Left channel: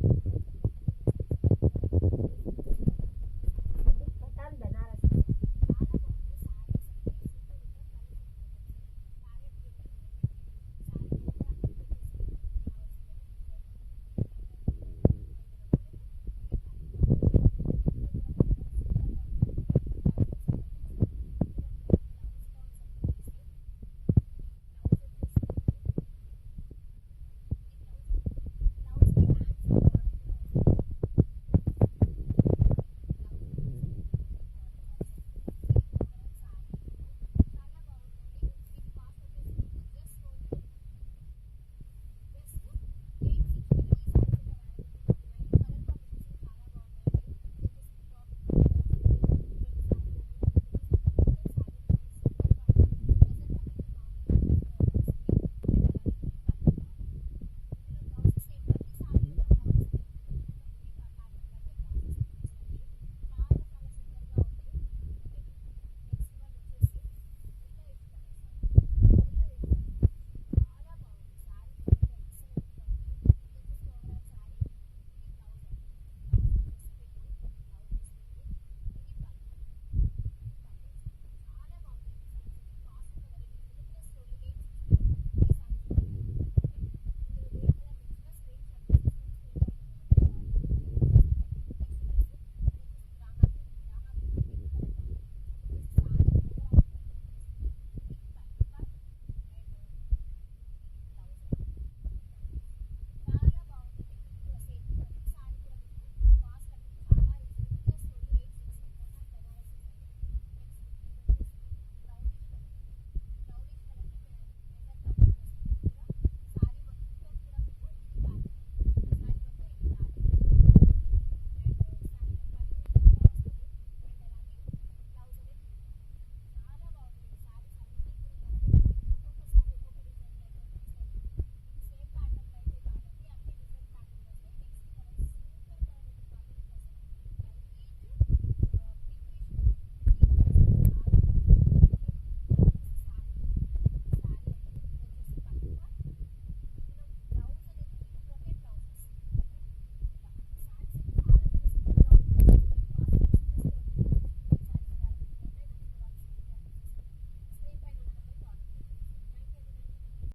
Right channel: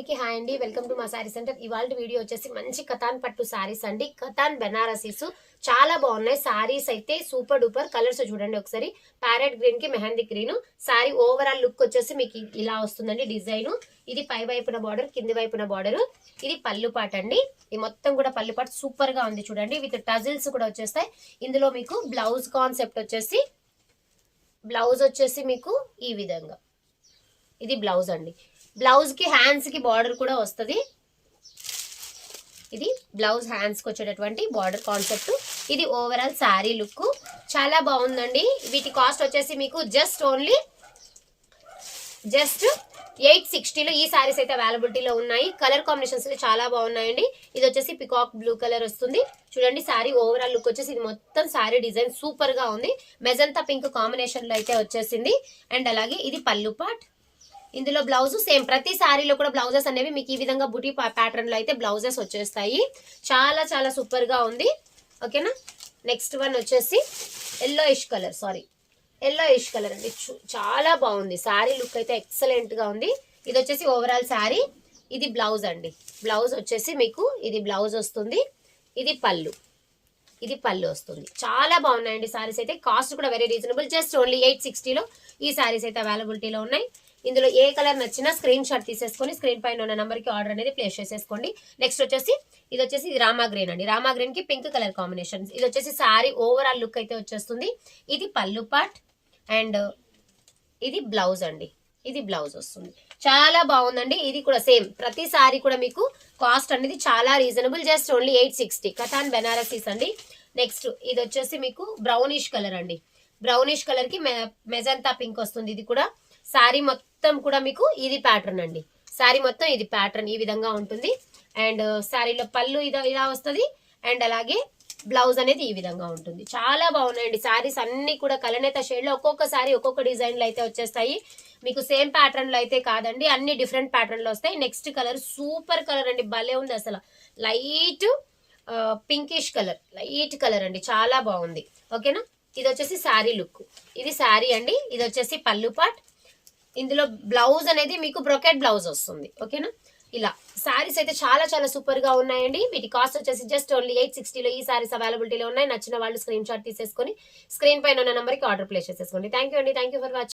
అందరికీ హాయ్ అండి, welcome to మా శారీ సెంటర్. ఇవాళ వీడియో వచ్చేసి మంచి కతాన్ పట్టు శారీస్ అండి. కతాన్ బెనారసీస్ చాలా బాగున్నాయి. శారీస్ అయితే సూపర్ డూపర్. కలర్స్ చూడండి ఒకసారి. ప్యారెట్ గ్రీన్ కి mehndi green. Sari overall look వచ్చేసి మీకు ఇలా వస్తుందండి డిజైన్. ఇది పై వైపున బార్డర్, కింది వైపున బార్డర్. ఇది పళ్ళు పాట అండి. ఇది మొత్తం కూడా పళ్ళు పాట సూపర్ గా ఉంది చూడండి. విత్ టజిల్స్ కూడా వచ్చేస్తాయి. ఇందులో మీకు బ్లౌజ్ కాన్సెప్ట్ వచ్చేసి మీకు ఈ విధంగా ఇది బ్లౌజ్ అండి. బ్లౌజ్ కి హ్యాండ్స్ కి బార్డర్ కూడా వస్తుంది. ఇది బ్లౌజ్ హ్యాండ్స్ కి వచ్చేటటువంటి బార్డర్ కాన్సెప్ట్. ఇది ఓవరాల్ శారీ లుక్ చాలా బాగుందండి. వీటి కాస్ట్ వచ్చేసి మీకు జస్ట్ 860లో ఈ సారీస్ అయితే అవైలబిలిటీలో ఉన్నాయి. కలర్ కాంబినేషన్స్ చాలా బాగున్నాయండి. ఇది వచ్చేసి పికాక్ బ్లూ కలర్ వస్తుంది చూడండి. శారీ ఓవరాల్ లుక్ వచ్చేసి ఇది మొత్తం శారీ డిజైన్ సూపర్ గా ఉంది. మెజంతా పింక్ కాంబినేషన్ లో అయితే వచ్చేసింది. అండ్ అలాగే ఇది పళ్ళు పార్ట్. ఇందులో బ్లౌజ్ సేమ్. ప్రతి శారీలో కూడా బ్లౌజెస్ అనేవి మీకు ఈ విధంగా బుటీ ప్యాటర్న్ లో అయితే బ్లౌజెస్ వచ్చేస్తాయి. చాలా చాలా సూపర్ గా ఉంది. ఓకేనా. నెక్స్ట్ వన్ వచ్చేసి ఎల్లోయిష్ కలర్ అండి. చాలా బాగుంది. శారీ లుక్ అయితే ఎక్సలెంట్ గా ఉంది. ఇది వచ్చేసి ఓవరాల్ శారీ. ఇది బ్లౌజ్ అండి. బ్లౌజ్ వచ్చేసి మీకు ఇది బ్లౌజ్ వస్తుంది. ఇది పళ్ళు వస్తుంది. చాలా బాగున్నాయండి శారీస్ అయితే. కాస్ట్ కూడా వెరీ రీజనబుల్. జస్ట్ ఓన్లీ 860లో ఈ శారీస్ అయితే అవైలబిలిటీలో ఉన్నాయి. ఇందులో ఏ కలర్ నచ్చినా స్క్రీన్ షాట్ తీసేసుకొని స్క్రీన్ పైన ఉన్న నెంబర్ కి ఆర్డర్ అనేది ప్లేస్ చేసేసుకోండి. నెక్స్ట్ వచ్చేసి ఇది వచ్చేసి రామా గ్రీన్ అండి. రామా గ్రీన్ కి పింక్ కలర్ కాంబినేషన్. ఇది వచ్చేసి శారీ ఓవరాల్ లుక్ అయితే వచ్చేస్తుంది. ఇది పళ్ళు పార్ట్ అండ్ ఇది బ్లౌజ్ అండి. ఇది బ్లౌజ్ వస్తుంది. చాలా బాగుందండి. ఇది కూడా సేమ్. ప్రతి సారీ కూడా మీకు కాస్ట్ అనేది చాలా రీజనబుల్. Just only 860. కథాన్ బెనారసీస్ అండి. నెక్స్ట్ ఇది వచ్చేసి మీకు బ్రౌనిష్ కలర్ అండి. బ్రౌనిష్ కలర్ కి మెజంతా పింక్ వస్తుంది. ఇది కూడా శారీ మొత్తం కూడా మీకు ఇది ప్యాటర్న్ అండి. శారీ మొత్తం ఇది ప్యాటర్న్ ఈ విధంగా ఉంటుంది. అండ్ శారీలో పళ్ళు ఇలా వస్తుంది. అండ్ అలాగే బ్లౌజ్ అనేది ఈ విధంగా ఉంటుంది. చాలా బాగున్నాయండి శారీస్ అన్ని కూడా కలనేత షేడ్ లో. ఒక్కొక్క శారీ ఒక్కొక్క డిజైన్ లో అయితే వచ్చేస్తాయి. మీకు సేమ్ ప్యాటర్న్ లో అయితే కాదండి, అన్ని డిఫరెంట్ ప్యాటర్న్ లో వస్తాయి. నెక్స్ట్ కలర్ సూపర్ కలర్ అండి. భలే ఉంది అసలు. Light pinkish colour, light colour అండి. చాలా బాగుంది. ఓకేనా. ఇది వచ్చేసి శారీ లుక్. ఇది శారీ అండి. ఇది వచ్చేసి పళ్ళు పార్ట్. ఇందులో బ్లౌజ్ అనేది మీకు బ్రొకెట్ బ్లౌజ్ వస్తుంది. ఓకేనా. ఇలా శారీస్ అయితే చాలా చాలా సూపర్ గా ఉన్నాయండి. వీటి కాస్ట్ వచ్చేసి జస్ట్ ఓన్లీ 860లో ఈ శారీస్ అవైలబిలిటీలో ఉన్నాయి. నచ్చిన వాళ్ళు స్క్రీన్ షాట్ తీసేసుకొని స్క్రీన్ పైన ఉన్న నెంబర్ కి ఆర్డర్ ప్లేస్ చేసేసుకోండి. థ్యాంక్ యూ అండి. Thank you for watching.